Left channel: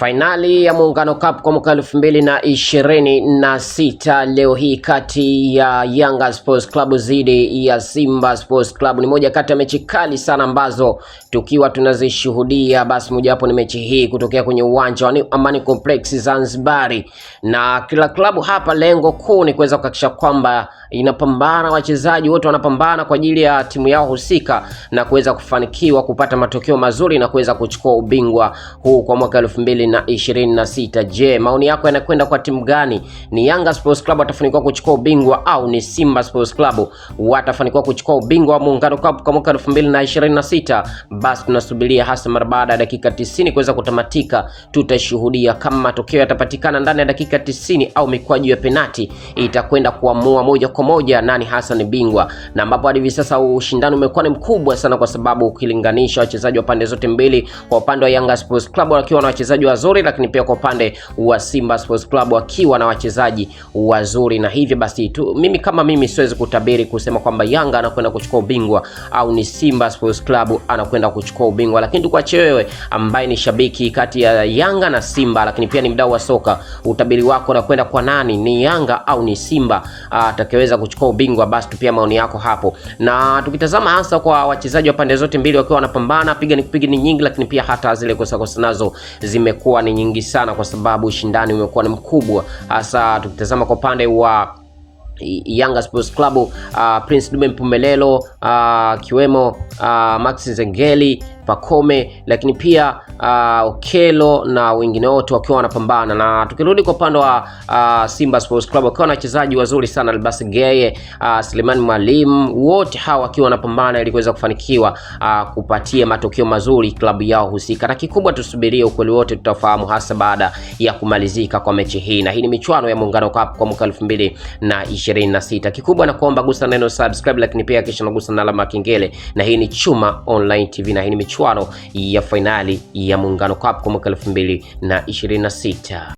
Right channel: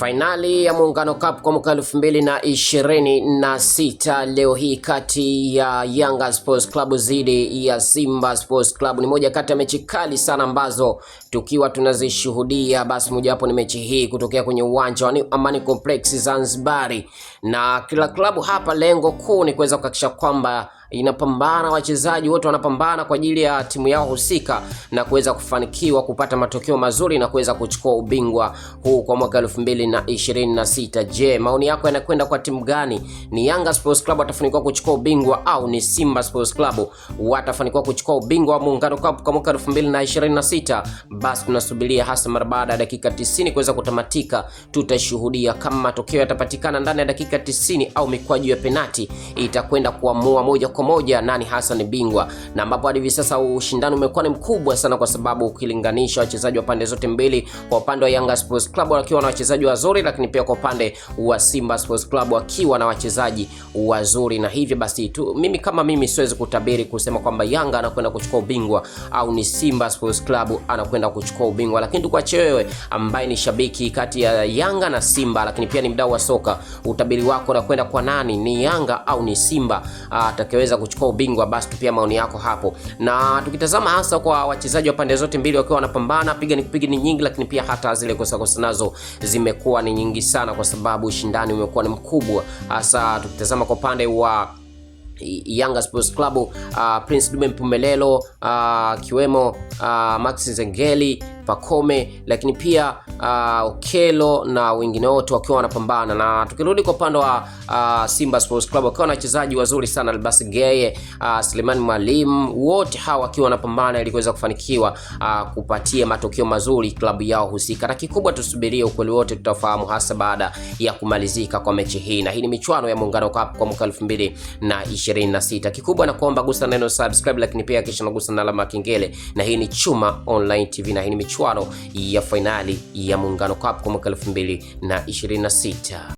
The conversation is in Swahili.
Fainali ya Muungano Cup kwa mwaka 2026 leo hii kati ya Yanga Sports Club dhidi ya Simba Sports Club ni moja kati ya mechi kali sana ambazo tukiwa tunazishuhudia. Basi moja hapo ni mechi hii kutokea kwenye uwanja wa Amani Complex Zanzibar, na kila klabu hapa lengo kuu ni kuweza kuhakikisha kwamba inapambana, wachezaji wote wanapambana kwa ajili ya timu yao husika na kuweza kufanikiwa kupata matokeo mazuri na kuweza kuchukua ubingwa huu kwa mwaka 2026. Je, maoni yako yanakwenda kwa timu gani? Ni Yanga Sports Club watafanikiwa kuchukua ubingwa au ni Simba Sports Club watafanikiwa kuchukua ubingwa wa Muungano Cup kwa mwaka 2026? Basi tunasubiria hasa mara baada ya dakika 90 kuweza kutamatika. Tutashuhudia kama matokeo yatapatikana ndani ya dakika 90 au mikwaju ya penati itakwenda kuamua moja kwa moja nani hasa ni bingwa, na ambapo hadi hivi sasa ushindani umekuwa ni mkubwa sana, kwa sababu ukilinganisha wachezaji wa pande zote mbili, kwa upande wa Yanga Sports Club wakiwa na wachezaji wazuri, lakini pia kwa upande wa Simba Sports Club wakiwa na wachezaji wazuri. Na hivyo basi tu mimi siwezi kutabiri kusema kwamba Yanga anakwenda kuchukua ubingwa au ni Simba Sports Club anakwenda kuchukua ubingwa, lakini tukuache wewe ambaye ni shabiki kati ya Yanga na Simba, lakini pia ni mdau wa soka, utabiri wako unakwenda kwa nani? Ni Yanga au ni Simba atakayeweza kuchukua ubingwa? Basi tupia maoni yako hapo. Na tukitazama hasa kwa wachezaji wa pande zote mbili wakiwa wanapambana, piga ni nyingi, lakini pia hata zile kosa nazo zimekuwa ni nyingi sana, kwa sababu ushindani umekuwa ni mkubwa. Hasa tukitazama kwa upande wa Yanga Sports Club, Prince Dube Mpumelelo, kiwemo Max Nzengeli, Pacome, lakini pia Okelo na wengine wote wakiwa wanapambana. Na tukirudi kwa upande wa Simba Sports Club wakiwa na wachezaji wazuri sana, Albasi Geye, Suleiman Mwalimu, wote hawa wakiwa wanapambana ili kuweza kufanikiwa kupatia matokeo mazuri klabu yao husika. Na kikubwa tusubirie ukweli wote, tutafahamu hasa baada ya kumalizika kwa mechi hii. Na hii ni michuano ya Muungano Cup kwa mwaka 2026. Kikubwa na kuomba gusa neno subscribe, lakini pia kisha nagusa na alama kengele. Na hii ni Chuma Online TV, na hii ni michuano ya finali ya Muungano Cup kwa mwaka 2026.